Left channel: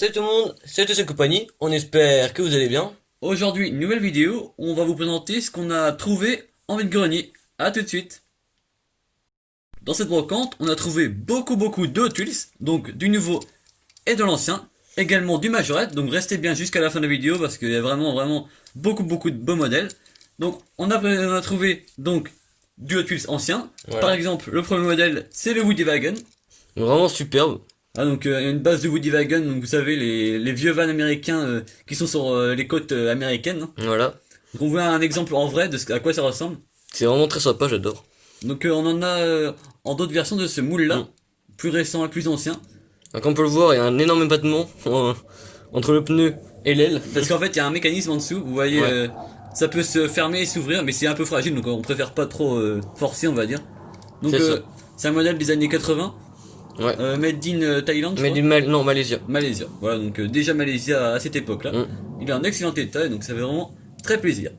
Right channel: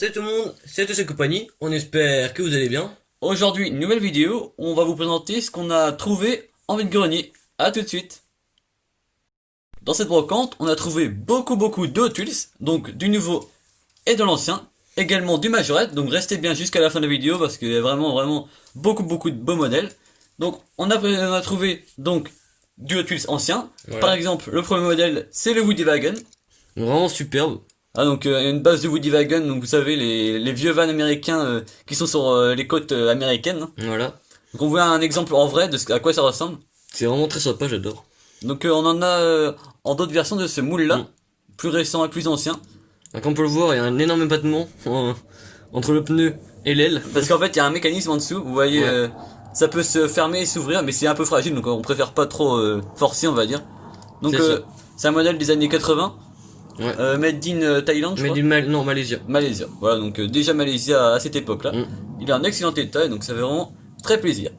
Salut tout le monde, c'est tous compagnie, on espère que vous allez bien. Aujourd'hui, une nouvelle vidéo où on va vous présenter ce qu'on a trouvé en vide-grenier. A tout de suite. Dans cette brocante, on a trouvé beaucoup de Hot Wheels, donc du nouveau et de l'ancien, également du Majorette, donc restez bien jusqu'à la fin de la vidéo parce qu'il y a vraiment beaucoup de beaux modèles. Donc on a trouvé donc du Hot Wheels ancien, Voilà. Par exemple le premier modèle c'est le Woody Wagon. Vraiment superbe. Ah donc une base de Woody Wagon, donc vous savez les vieux vans américains qui sont sur les côtes américaines. Voilà. Donc on voit un exemple en vrai de à quoi ça ressemble. C'est vraiment très sympa, j'adore. Donc on en a en d'autres versions de ce moule là, plus récent et plus ancien. Donc, comme on peut le voir, il y a un énorme épatement entre le pneu et l'aile. Parce qu'en fait il y a un mécanisme en dessous, vous voyez, Ouais. ça peut se fermer et s'ouvrir, mais c'est un peu fragile, donc on préfère pas trop forcer on va dire. Donc C'est ça. c'est un modèle des années 80, Ouais. made in Thaïlande je Mais crois. du non, Malaysia. Malaysia, voilà donc déjà Malaysia à cette époque là. Mm. Il est en excellent état et donc ça fait vraiment très plaisir.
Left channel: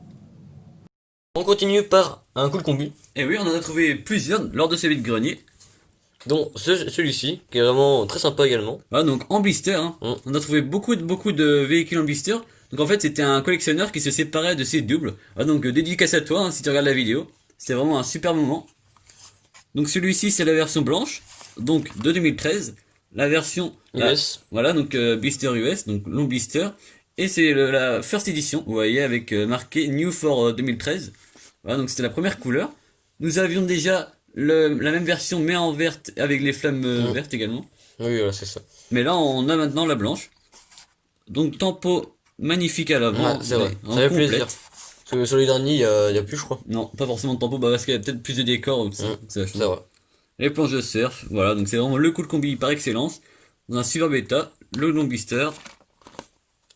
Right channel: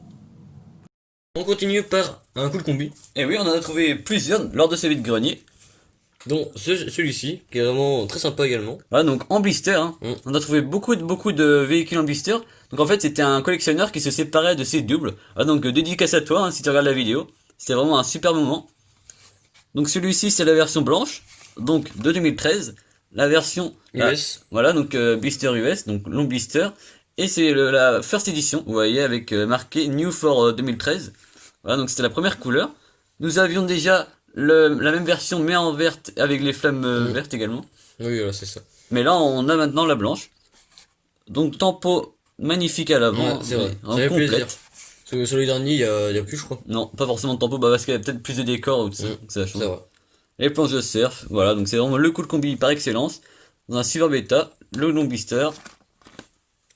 On continue par un cool combi, Et oui, on en a trouvé plusieurs lors de ce vide-grenier. dont celui-ci, qui est vraiment très sympa également. Voilà, donc en blister, hein. Mm. On a trouvé beaucoup de véhicules en blister. Donc en fait, c'était un collectionneur qui se séparait de ses doubles. Ah, donc dédicace à toi, hein, si tu regardes la vidéo. C'était vraiment un super moment. Donc celui-ci, c'est la version blanche, donc de 2013. La version US. voilà, donc blister US, donc long blister. Et c'est la first edition, vous voyez, avec marqué New for 2013. Voilà, donc c'était la première couleur. Nous avions déjà la même version, mais en verte, avec les flammes vertes également. Oui, voilà, c'est ça. Mais là, on a maintenant la blanche. Donc, tempo magnifique à l'avant. Ouais, c'est vrai. en Ça fait complète. plaisir. Parce que sur les derniers, il y a plus, je crois. Non, pas forcément de tempo, bah parce qu'il y a peut-être plus de décors ou tout ça. Ça C'est change. vrai. Les planches de surf, voilà. Donc, c'est vraiment le cool combi par excellence. Dans un super bêta, le long blister.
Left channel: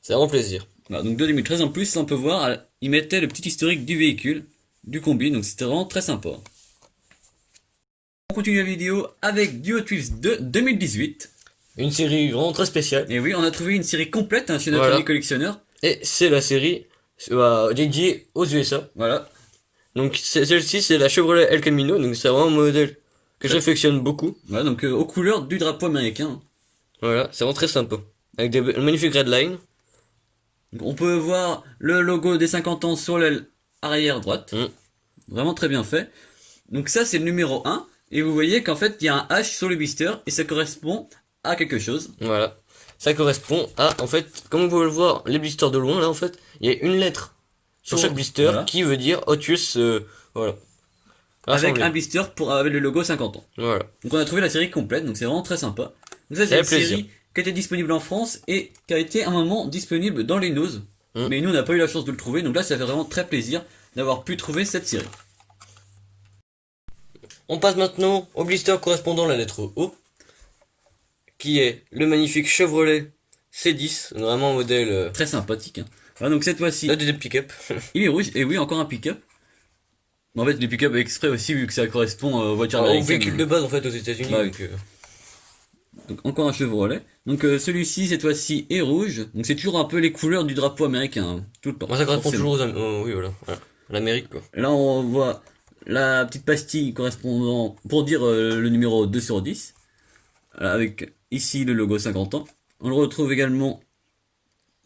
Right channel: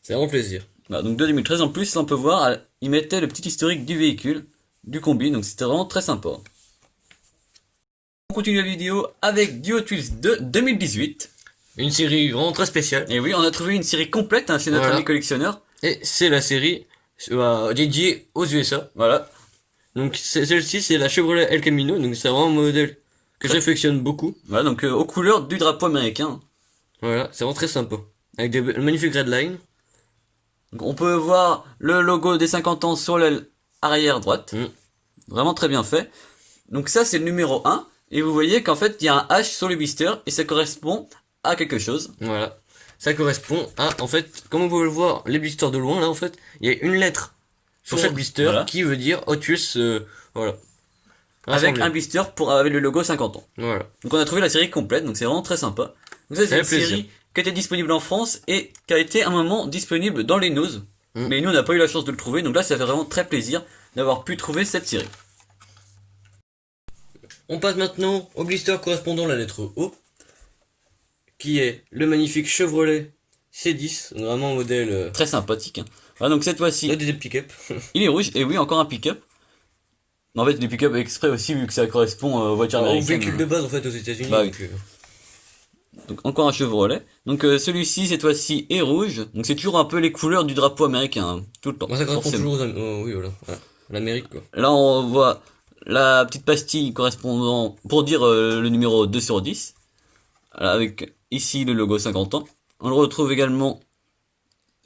C'est vraiment plaisir. Voilà, donc, de 2013 en plus, on peut voir, il mettait le petit historique du véhicule, du combi. Donc, c'était vraiment très sympa. On continue la vidéo avec du Hot Wheels de 2018. Une série vraiment très spéciale. Et oui, on a trouvé une série complète hein, chez notre Voilà. ami collectionneur. Et c'est la série dédiée aux USA. Voilà. Donc celle-ci, c'est la Chevrolet El Camino. Donc c'est vraiment un modèle que j'affectionne beaucoup. Voilà, donc aux couleurs du drapeau américain. Voilà, c'est vraiment très sympa. Avec des magnifiques redlines. Donc, on peut voir le logo des 50 ans sur l'aile arrière droite. Vraiment très bien fait. Donc ça, c'est le numéro 1. Et vous voyez qu'en fait, il y a un H sur le blister et ça correspond à quelque chose. Voilà. Ça correspond à, en fait, comme vous pouvez le voir, les blisters de loin, là, en fait, il y a une lettre sur chaque blister Voilà. qui veut dire Hot Wheels, voilà. Avec Rassemblé. un blister avec le logo 50 ans. Voilà. Donc on a trouvé la série complète, donc c'est vraiment très sympa. Donc ça, c'est Ça une fait plaisir. série qui était disponible en France et qui a été un moment disponible dans les news. Mm. Mais nous, on n'a pas eu la chance de le trouver. Donc là, ça fait vraiment très plaisir d'avoir pu trouver cette série. On passe maintenant au blister correspondant à la lettre O, qui est le magnifique Chevrolet C10, vraiment un modèle Très sympathique. Hein. Voilà, donc cette fois-ci, là, des pick-up. il est rouge, et oui, encore un pick-up. En fait, des pick-up exprès aussi, vu que ça correspond aux voitures Au américaines. véhicule de base, en fait, aux États-Unis. Bah oui. donc, Donc encore un Chevrolet. Donc celui-ci, cette fois-ci, est rouge. Donc c'est toujours un peu les couleurs du drapeau américain, hein, tout le temps. moi, ça correspond forcément. toujours oui, voilà. L'Amérique, quoi. Là, on voit la petite pastille correspondant pour dire le numéro 2 sur 10. Avec ici le logo 50 ans. On le retrouve également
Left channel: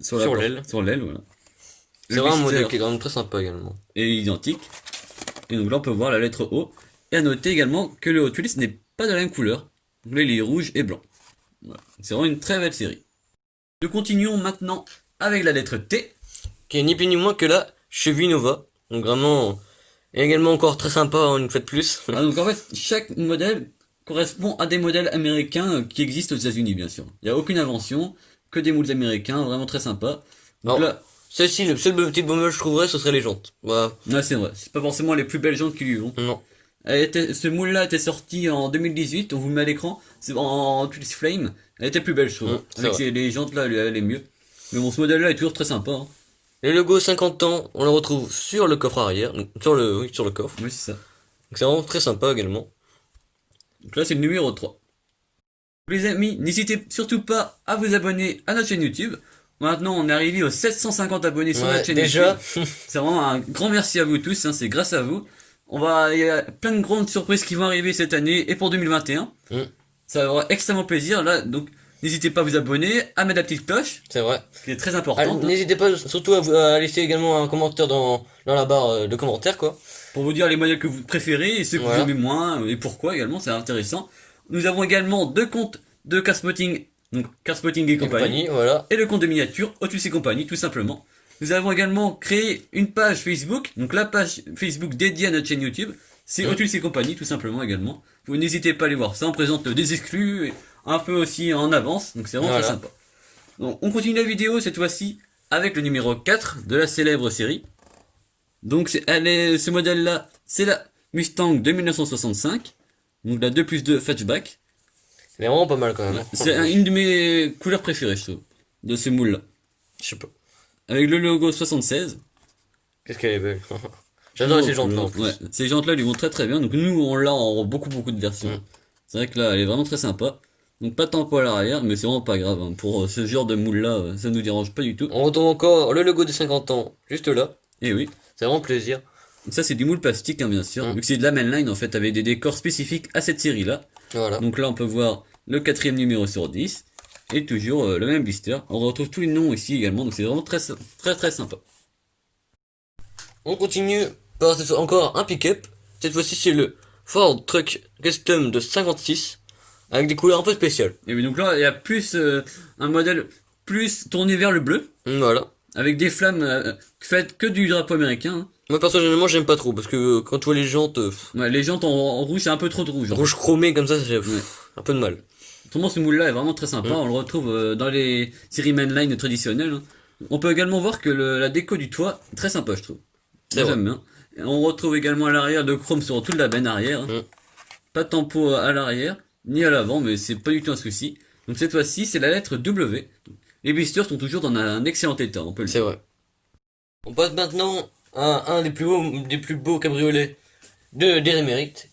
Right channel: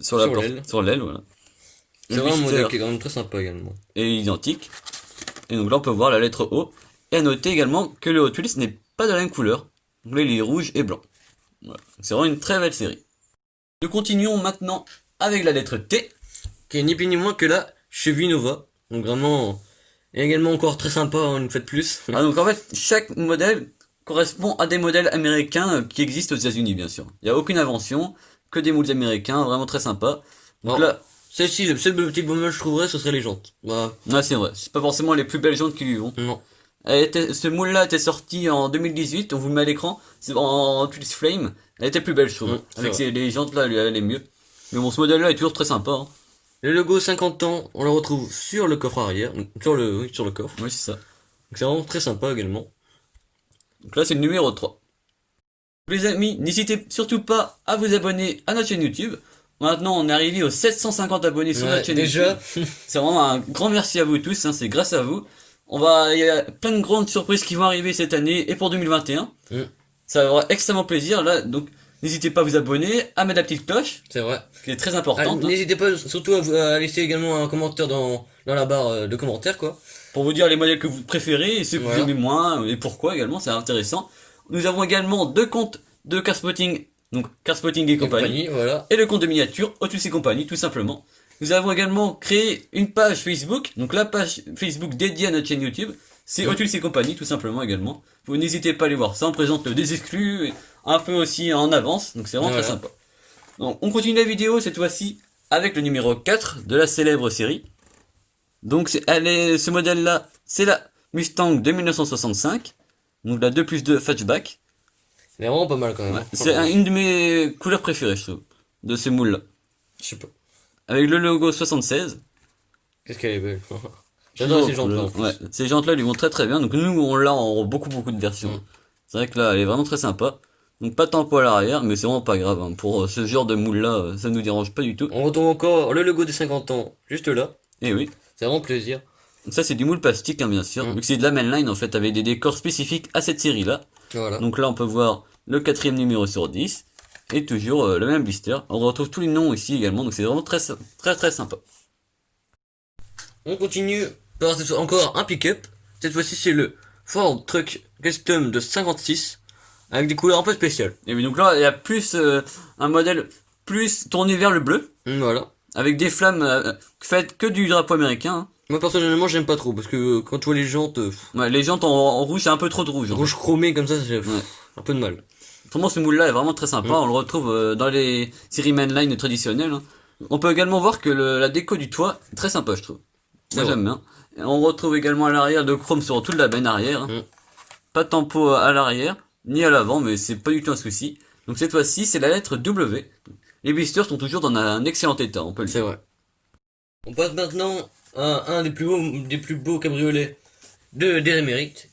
sur l'aile. Sur l'aile, voilà. C'est Le vraiment un modèle blister qui est quand même très sympa également. est identique. Et donc là, on peut voir la lettre O. Et à noter également que le Hot Wheels n'est pas de la même couleur. Donc là, il est rouge et blanc. Voilà. C'est vraiment une très belle série. Nous continuons maintenant avec la lettre T. Qui est ni plus ni moins que la Chevy Nova. Donc vraiment, et également encore très sympa, une fois de plus. Ah, donc en fait, chaque modèle correspond à des modèles américains qui existent aux États-Unis, bien sûr. Il n'y a aucune invention, que des moules américains, vraiment très sympa. Donc Non. là, Celle-ci, le seul petit dommage, je trouverais, ce serait les jantes. Voilà. ouais, c'est vrai. C'est pas forcément les plus belles jantes qui lui vont. Non. Ce moule-là était sorti en 2018, on vous le met à l'écran. C'est en Twist Flame. Elle était plus belle, je trouve. C'est Avec vrai. les jantes là, elle allait mieux. Mais bon, ce modèle-là est toujours très sympa. Hein. Le logo 50 ans, on le retrouve sur le coffre arrière, donc sur le coffre. Oui, c'est ça. Donc c'est vraiment très sympa également. Donc là, c'est le numéro 3. Les amis, n'hésitez surtout pas à vous abonner à notre chaîne YouTube. Maintenant, on est arrivé aux 750 abonnés sur Ouais, notre chaîne déjà. YouTube. C'est vraiment un grand merci à vous tous, hein, c'est grâce à vous. Il y a plein de grandes surprises qui vont arriver cette année et pour 2021. Mm. Ça va avoir extrêmement plaisir. Là, donc, N'hésitez pas à vous abonner, à mettre la petite cloche, C'est vrai. qui est très Ah, importante, hein, n'hésitez pas surtout à laisser également un commentaire dans la barre de commentaires, quoi. pour vous dire les modèles que vous préférez et ceux que vous Voilà. aimez moins et pourquoi également, c'est intéressant. Nous avons également 2 comptes de Carspotting, donc Carspotting et compagnie, Voilà. et le compte de miniature Otus et compagnie, tout simplement. Nous avons également créé une page Facebook, donc la page Facebook dédiée à notre chaîne YouTube, c'est Otus et compagnie, tout simplement également. Vous n'hésitez pas à aller voir ça, on présente des exclus, et un peu aussi en avance, donc c'est vraiment Voilà. très sympa. Donc on continue la vidéo cette fois-ci avec le numéro 4 de la célèbre série. Donc ce modèle-là, c'est la Mustang de 1965, donc la 2+2 Hatchback. Elle est vraiment pas mal quand même. C'est une de mes couleurs préférées, je trouve, de ces moules-là. Je sais pas. Avec le logo 76. Qu'est-ce qu'elle est belle. J'adore ces jantes là en plus. Ouais, ces jantes-là lui vont très très bien. Donc nous, on l'a en beaucoup de versions. C'est vrai que là, elle est vraiment très sympa. Donc pas tant poids à l'arrière, mais c'est vraiment pas grave. Hein. Pour ce genre de moule-là, ça nous dérange pas du tout. On retrouve encore le logo des 50 ans, juste là. Et oui. C'est vraiment plaisir. Donc ça, c'est du moule plastique, hein, bien sûr. Vu que c'est de la mainline, en fait, avec des décors spécifiques à cette série-là. Voilà. Donc là, on peut voir le 4e numéro sur 10. Et toujours le même blister. On retrouve tous les noms ici également. Donc c'est vraiment très sympa. On continue par encore un pick-up. Cette fois-ci, c'est le Ford Truck Custom de 56. Avec des couleurs un peu spéciales. Et oui, donc là, il y a plus un modèle plus tourné vers le bleu. Voilà. Avec des flammes faites que du drapeau américain. Hein. Moi personnellement j'aime pas trop parce que quand tu vois les jantes Ouais, les jantes en rouge, c'est un peu trop de rouge. rouge chromé comme ça, c'est un peu de mal. Autrement, ce moule-là est vraiment très sympa. On le retrouve dans les séries mainline traditionnelles. Hein. On peut également voir que la déco du toit est très sympa, je trouve. Moi, j'aime bien. Et on retrouve également à l'arrière de chrome sur toute la benne arrière. Hein. Pas de tempo à l'arrière, ni à l'avant, mais c'est pas du tout un souci. Donc cette fois-ci, c'est la lettre W. Les blisters sont toujours dans un excellent état, on peut le dire. C'est vrai. On passe maintenant à un des plus beaux cabriolets de l'Amérique.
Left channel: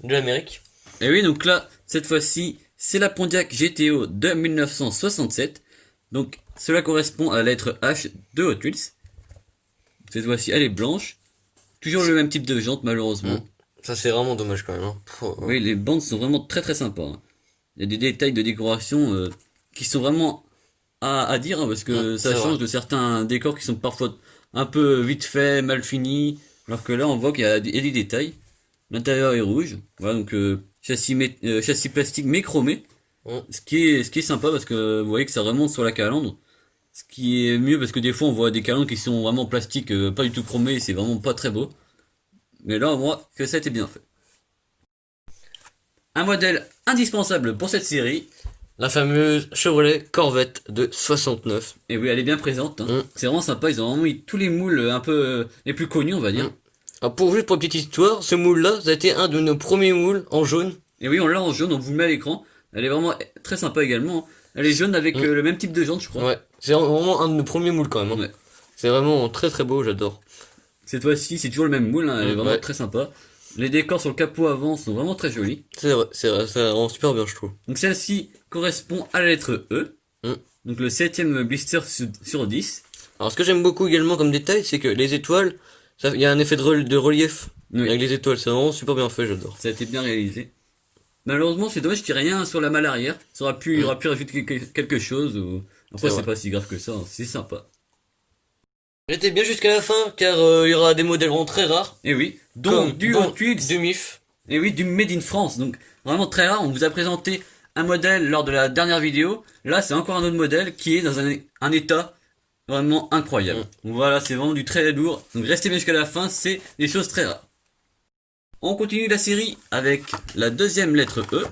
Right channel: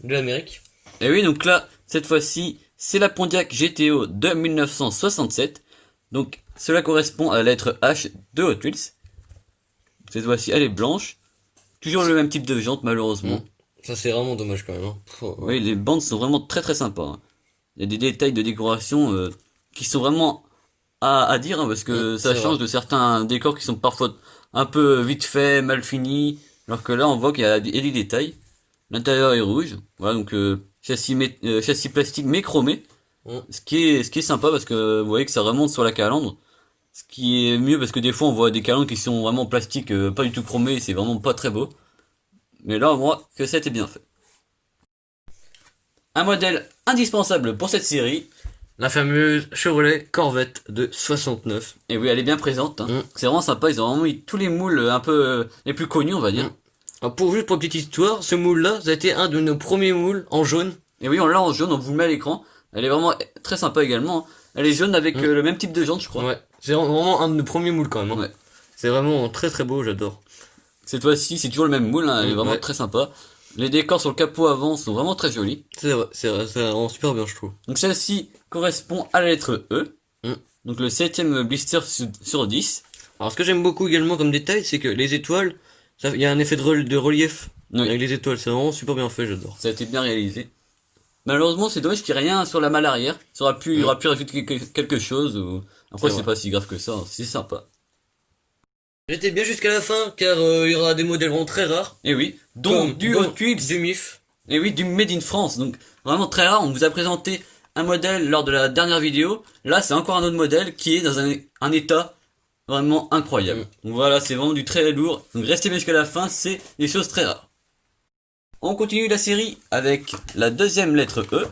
Et oui, donc là, cette fois-ci, c'est la Pontiac GTO de 1967. Donc, cela correspond à la lettre H de Hot Wheels. Cette fois-ci, elle est blanche. Toujours le même type de jante, malheureusement. Ça, c'est vraiment dommage quand même. Hein. Oui, les bandes sont vraiment très sympas. Hein. Il y a des détails de décoration qui sont vraiment à dire, hein, parce que ça change de certains décors qui sont parfois un peu vite fait, mal finis. Alors que là, on voit qu'il y a des détails. L'intérieur est rouge. Voilà, donc châssis plastique mais chromé. Ce qui est sympa parce que vous voyez que ça remonte sur la calandre. Ce qui est mieux parce que des fois on voit des calandres qui sont vraiment plastiques, pas du tout chromés, c'est vraiment pas très beau. Mais là, moi, que ça a été bien fait. Un modèle indispensable pour cette série. La fameuse Chevrolet Corvette de 69. Et oui, elle est bien présente. Hein. C'est vraiment sympa, ils ont vraiment mis tous les moules un peu les plus connus, on va dire. Alors juste pour petite histoire, ce moule-là, ça a été un de nos premiers moules en jaune. Et oui, on l'a en jaune, on vous le met à l'écran. Elle est vraiment très sympa également. Elle est jaune avec le même type de jante, je crois. Ouais, c'est vraiment un de nos premiers moules quand même. Hein. Ouais. C'est vraiment très beau, j'adore. Cette fois-ci, c'est toujours le même moule, hein, elle est vraiment très sympa. Les décors sur le capot avant sont vraiment très jolis. C'est vrai, ça rend super bien, je trouve. Donc celle-ci correspond à la lettre E. Donc le 7ème blister sur 10. Alors ce que j'aime beaucoup également comme détail, c'est que les étoiles, il y a un effet de relief avec les étoiles, c'est vraiment super bien fait, j'adore. Ça a été bien réalisé. Malheureusement, c'est dommage qu'il n'y ait rien sur la malle arrière. Ça aurait pu, il aurait pu rajouter quelque chose. Ou... Après, c'est pas si grave que ça, hein. C'est sympa. Restez bien jusqu'à la fin, car il y aura des modèles vraiment très rares. Et oui, donc du Hot Wheels, du MIF. Et oui, du Made in France. Donc vraiment très rare. On vous a présenté un modèle lors de la dernière vidéo. Là, c'est encore un autre modèle qui est dans un état vraiment incroyable. Donc voilà, c'est vraiment du très lourd. Donc restez bien jusqu'à la fin, c'est des choses très rares. On continue la série avec la 2ème lettre E.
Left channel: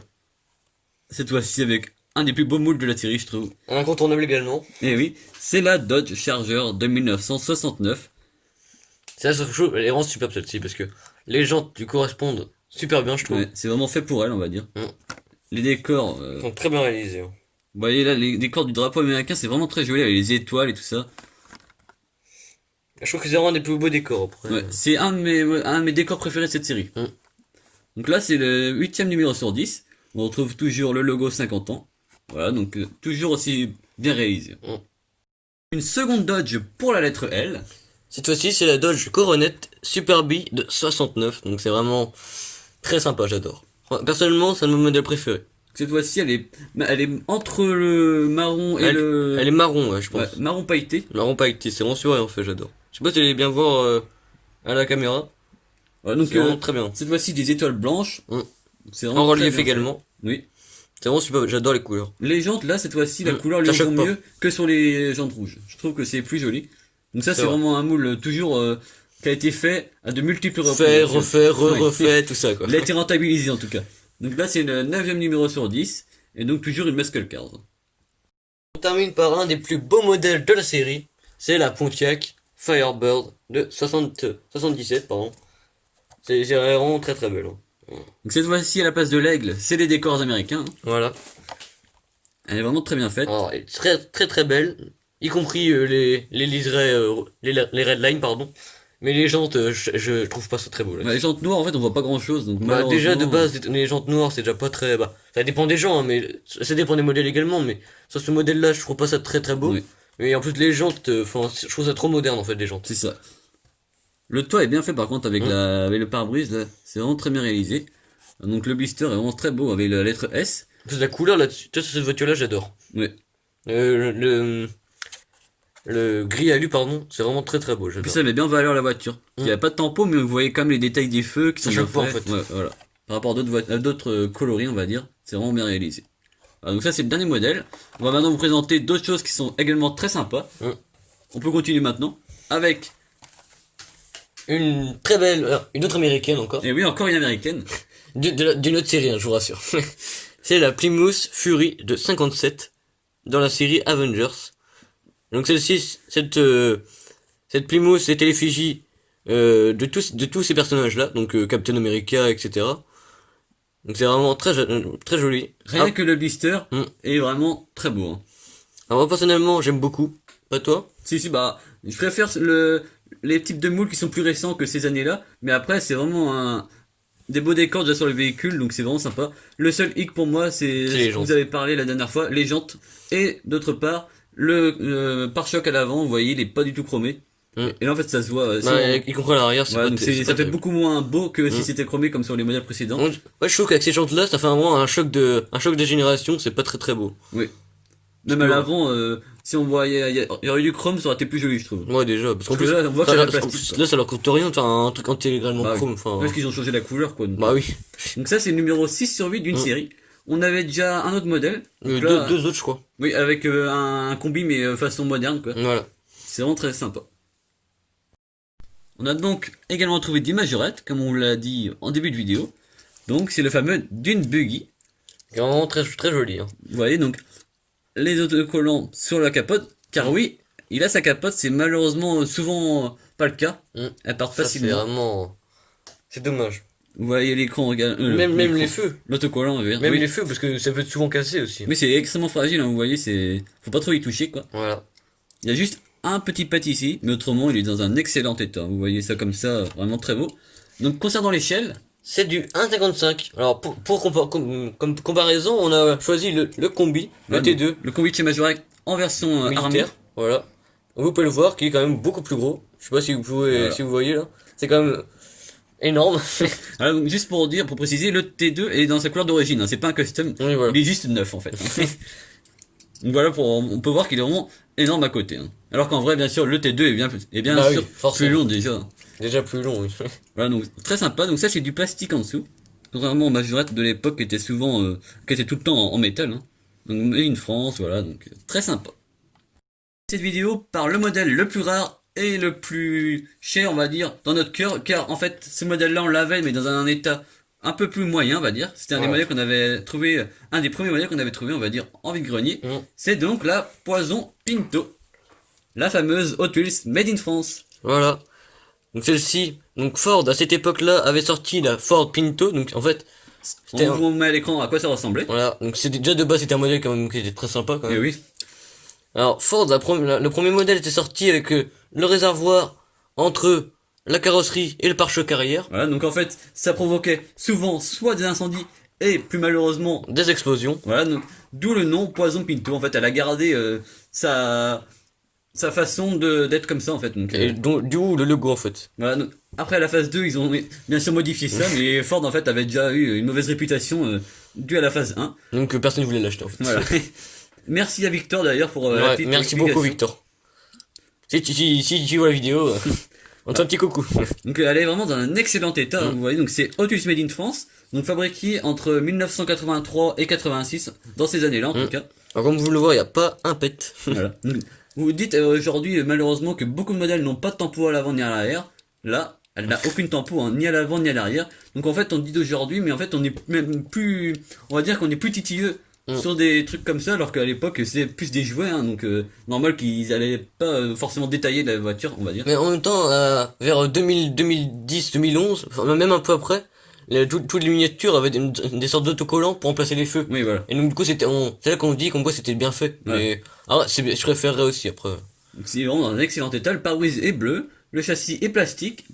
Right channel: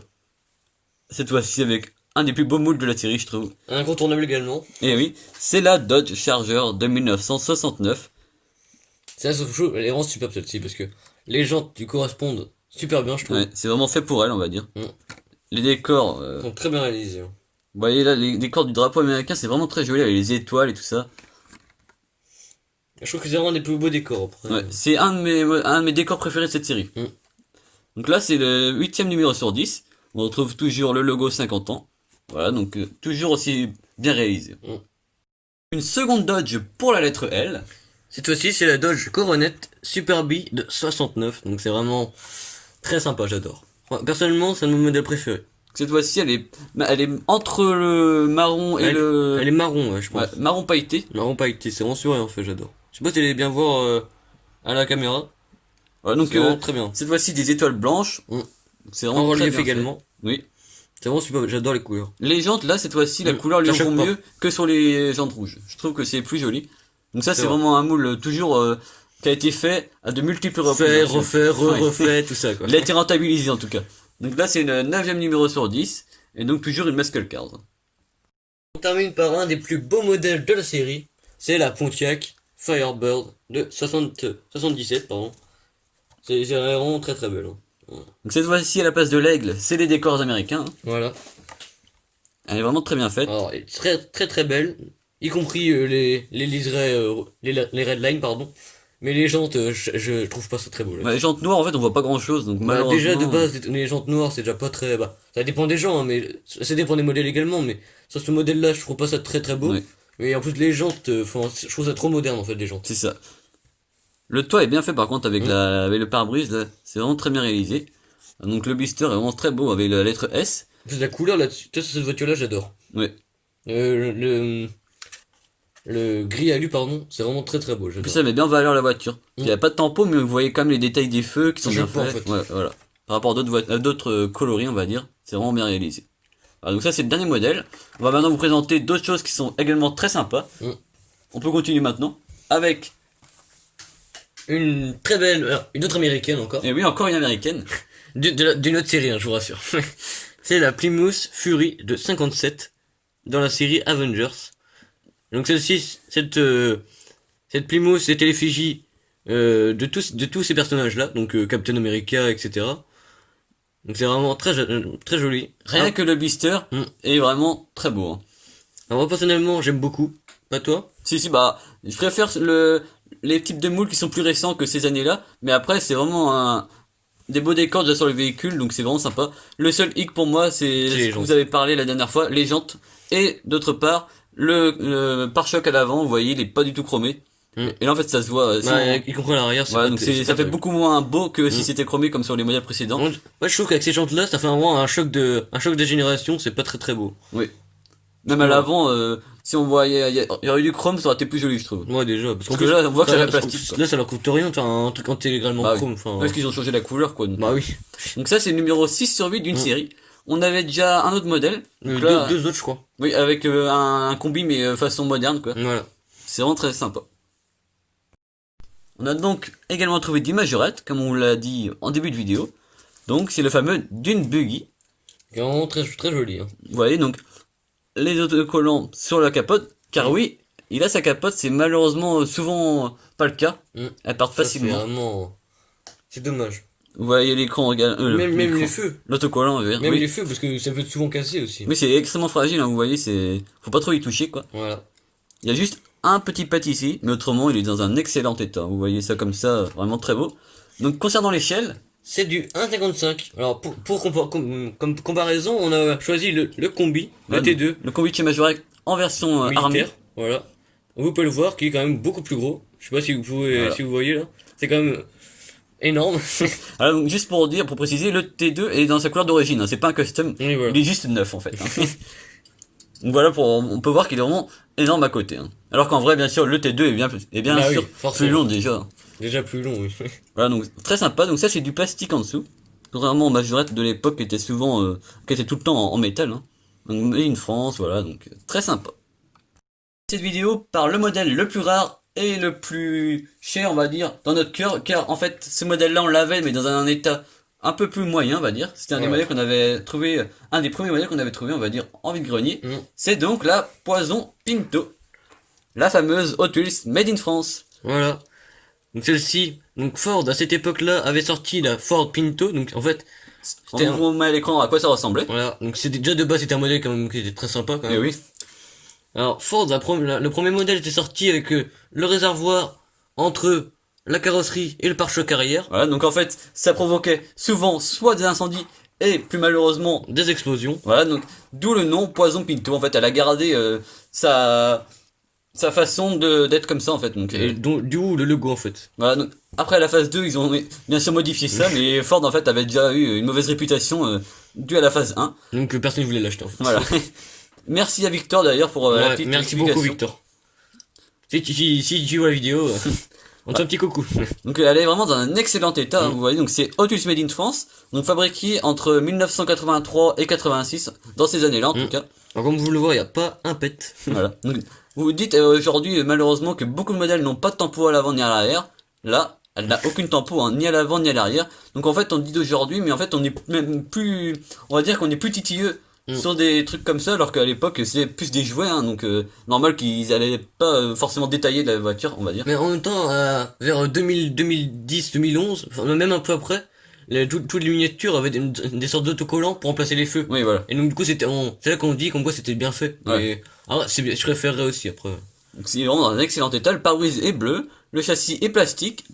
Cette fois-ci avec un des plus beaux moules de la série, je trouve. Incontournable également. Et oui, c'est la Dodge Charger de 1969. C'est la chose, elle est vraiment superbe celle-ci, parce que les jantes lui correspondent super bien, je trouve. Ouais, c'est vraiment fait pour elle, on va dire. Les décors sont très bien réalisés. Hein. Vous voyez là, les décors du drapeau américain, c'est vraiment très joli avec les étoiles et tout ça. Je trouve que c'est vraiment un des plus beaux décors après. Ouais, c'est un de mes décors préférés de cette série. Donc là, c'est le 8ème numéro sur 10. On retrouve toujours le logo 50 ans. Voilà, donc toujours aussi bien réalisé. Une seconde Dodge pour la lettre L. Cette fois-ci, c'est la Dodge Coronet Super B de 69. Donc c'est vraiment très sympa, j'adore. Enfin, personnellement, c'est un de mes modèles préférés. Cette fois-ci, elle est entre le marron et le... Elle est marron, ouais, je pense. Ouais, marron pailleté. Marron pailleté, c'est vraiment sourire en fait, j'adore. Je sais pas si tu allais bien voir à la caméra. Ouais, donc, C'est vraiment très bien. cette fois-ci, des étoiles blanches. Mm. C'est En vraiment très relief bien fait. également. Oui. C'est vraiment super, j'adore les couleurs. Les jantes, là, cette fois-ci, la couleur lui ça vaut choque pas. mieux que sur les jantes rouges. Je trouve que c'est plus joli. Donc ça, C'est c'est vrai. vraiment un moule toujours qui a été fait à de multiples reprises. Fait, refait, Oui. refait, tout ça quoi. Il a été rentabilisé en tout cas. Donc là, c'est le 9e numéro sur 10. Et donc toujours une muscle card. On termine par un des plus beaux modèles de la série. C'est la Pontiac Firebird de 77, pardon. C'est vraiment très très belle. Hein. Donc cette fois-ci, à la place de l'aigle, c'est les décors américains. Voilà. Elle est vraiment très bien faite. Alors, elle est très très très belle. Y compris les liserés, les red lines, pardon. Mais les jantes, je trouve pas ça très beau. Là. Bah, les jantes noires, en fait, on voit pas grand-chose. Donc Bah, déjà de malheureusement, base, les jantes noires, c'est déjà pas très... Bah, ça dépend des gens, hein, mais ça dépend des modèles également. Mais sur ce modèle-là, je trouve pas ça très très beau. Oui. Et en plus, les jantes, enfin, je trouve ça trop moderne en fait, les jantes. c'est ça. Le toit est bien fait par contre avec avec le pare-brise là. C'est vraiment très bien réalisé. Donc le blister est vraiment très beau avec la lettre S. En plus, la couleur là-dessus, tu vois, sur cette voiture-là, j'adore. Oui. Le gris alu, pardon, c'est vraiment très très beau. Puis J'adore. ça met bien en valeur la voiture. Il n'y a pas de tampon, mais vous voyez quand même les détails des feux qui sont Ça bien choque pas, en faits. fait. Ouais, voilà. Par rapport à d'autres coloris, on va dire, c'est vraiment bien réalisé. Voilà, donc ça c'est le dernier modèle. On va maintenant vous présenter d'autres choses qui sont également très sympas. On peut continuer maintenant avec, Une très belle, une autre américaine encore. et oui, encore une américaine. D'une autre série, hein, je vous rassure. C'est la Plymouth Fury de 57 dans la série Avengers. Donc celle-ci, cette Plymouth, c'était l'effigie de tous ces personnages-là, donc Captain America, etc. Donc c'est vraiment très joli. Rien que le blister Mm. est vraiment très beau. Hein. Alors, moi personnellement, j'aime beaucoup. Pas toi? Si, bah, je préfère les types de moules qui sont plus récents que ces années-là, mais après, c'est vraiment des beaux décors déjà sur le véhicule, donc c'est vraiment sympa. Le seul hic pour moi, c'est les ce que jantes. vous avez parlé la dernière fois, les jantes, et d'autre part, le pare-choc à l'avant, vous voyez, il est pas du tout chromé. Mm. Et là, en fait, ça se voit. Bah, y compris à l'arrière, Voilà, donc ça fait beaucoup moins beau que si Mm. c'était chromé comme sur les modèles précédents. Ouais, je trouve qu'avec ces jantes-là, ça fait vraiment un choc de génération, c'est pas très très beau. Oui. Même à l'avant, si on voyait, il y aurait eu du chrome, ça aurait été plus joli, je trouve. Moi déjà, parce qu'en Parce que plus, là, on voit que c'est de la plastique, quoi. là, ça leur coûte rien, enfin, un truc intégralement Bah oui. chrome, enfin. Parce qu'ils ont changé la couleur, quoi. Donc, Bah oui. donc ça, c'est le numéro 6 sur 8 d'une série. On avait déjà un autre modèle. Donc là, Deux autres, je crois. oui, avec un combi, mais façon moderne, quoi. Voilà. C'est vraiment très sympa. On a donc également trouvé des majorettes, comme on l'a dit en début de vidéo. Donc, c'est le fameux Dune Buggy. C'est vraiment très, très joli, hein. Vous voyez, donc, les autocollants sur la capote. Car oui, il a sa capote, c'est malheureusement souvent pas le cas. Elles partent Ça, c'est facilement. vraiment, c'est dommage. Vous voyez l'écran, Même les feux. l'autocollant, je veux dire. Même Oui. les feux, parce que ça peut être souvent cassé aussi. Oui, c'est extrêmement fragile, hein, vous voyez, faut pas trop y toucher, quoi. Voilà. Il y a juste un petit pat ici, mais autrement, il est dans un excellent état. Vous voyez ça comme ça, vraiment très beau. Donc, concernant l'échelle, C'est du 1,55. Alors, comme comparaison, on a choisi le combi, le voilà, T2, le combi de chez Majorette en version armée. militaire. Voilà. Vous pouvez le voir, qui est quand même beaucoup plus gros. Je sais pas si vous pouvez, Voilà. si vous voyez là. C'est quand même énorme. Alors, donc, juste pour dire, pour préciser, le T2 est dans sa couleur d'origine, hein, c'est pas un custom. Oui, voilà. Il est juste neuf, en fait. hein. Donc voilà, on peut voir qu'il est vraiment énorme à côté. hein. Alors qu'en vrai, bien sûr, le T2 est bien Bah sûr oui, forcément. plus long déjà. Déjà plus long, oui. Voilà, donc très sympa. Donc ça, c'est du plastique en dessous. Contrairement aux majorettes de l'époque qui étaient souvent, qui étaient tout le temps en métal. Hein. Donc, made in France, voilà, donc très sympa. Cette vidéo par le modèle le plus rare et le plus cher, on va dire, dans notre cœur, car en fait, ce modèle-là, on l'avait, mais dans un état un peu plus moyen, on va dire. C'était un des Ouais. modèles qu'on avait trouvé, un des premiers modèles qu'on avait trouvé, on va dire, en vide-grenier. C'est donc la Poison Pinto. La fameuse Hot Wheels made in France. Voilà. Donc celle-ci, donc Ford à cette époque-là avait sorti la Ford Pinto. Donc en fait, On c'était vous met à l'écran à quoi ça ressemblait. voilà. Donc c'était déjà de base c'était un modèle quand même qui était très sympa quand Et même. oui. Alors Ford, le premier modèle était sorti avec le réservoir entre la carrosserie et le pare-choc arrière, Voilà, donc en fait, ça provoquait souvent soit des incendies et plus malheureusement, des explosions. voilà, donc d'où le nom Poison Pinto. En fait, elle a gardé sa façon d'être comme ça en fait. Donc, Et du coup le logo en fait. voilà, donc, après la phase 2, ils ont bien sûr modifié ça, mais Ford en fait avait déjà eu une mauvaise réputation dû à la phase 1. Donc personne ne voulait l'acheter en fait. Voilà. Merci à Victor d'ailleurs pour la Ouais, petite merci explication. beaucoup Victor. Si tu vois la vidéo, on te fait un petit coucou. Donc elle est vraiment dans un excellent état, hein, vous voyez, donc c'est Hot Wheels Made in France, donc fabriqué entre 1983 et 86, dans ces années-là en tout cas. Alors, comme vous le voyez, il n'y a pas un pet. Voilà. Donc, vous vous dites aujourd'hui malheureusement que beaucoup de modèles n'ont pas de tempo à l'avant ni à l'arrière. Là, elle n'a aucune tempo, hein, ni à l'avant ni à l'arrière. Donc en fait on dit d'aujourd'hui, mais en fait on est même plus, on va dire qu'on est plus titilleux sur des trucs comme ça, alors qu'à l'époque c'est plus des jouets, hein, donc normal qu'ils allaient pas forcément détailler la voiture, on va dire. Mais en même temps, vers 2010, 2011, enfin, même un peu après, toutes les miniatures avaient des sortes d'autocollants pour remplacer les feux. Oui, voilà. Et donc du coup, c'est là qu'on dit comme quoi c'était bien fait. Ouais. Je préférerais aussi après. Donc, c'est vraiment dans un excellent état. Le pare-brise est bleu, le châssis est plastique.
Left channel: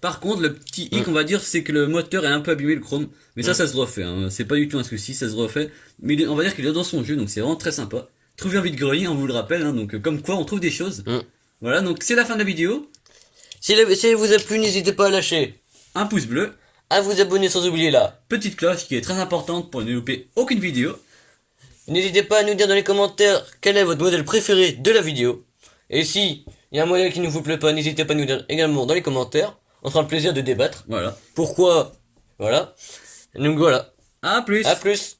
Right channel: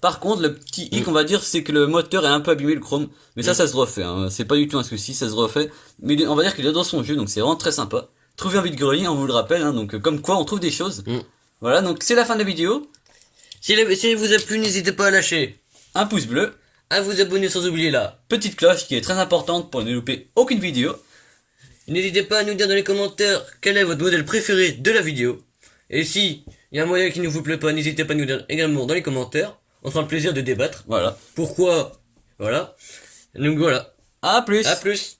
Par contre, le petit hic, on va dire, c'est que le moteur est un peu abîmé, le chrome. Mais ça se refait. Hein. C'est pas du tout un souci, ça se refait. Mais on va dire qu'il est dans son jeu, donc c'est vraiment très sympa. Trouver un vide-grenier, on vous le rappelle. Hein, donc comme quoi, on trouve des choses. Voilà, donc c'est la fin de la vidéo. Si elle vous a plu, n'hésitez pas à lâcher Un pouce bleu, à vous abonner sans oublier la petite cloche qui est très importante pour ne louper aucune vidéo. N'hésitez pas à nous dire dans les commentaires quel est votre modèle préféré de la vidéo. Et si il y a un modèle qui ne vous plaît pas, n'hésitez pas à nous dire également dans les commentaires. On sera le plaisir de débattre. Voilà. Pourquoi? Voilà. Donc voilà. À plus. À plus.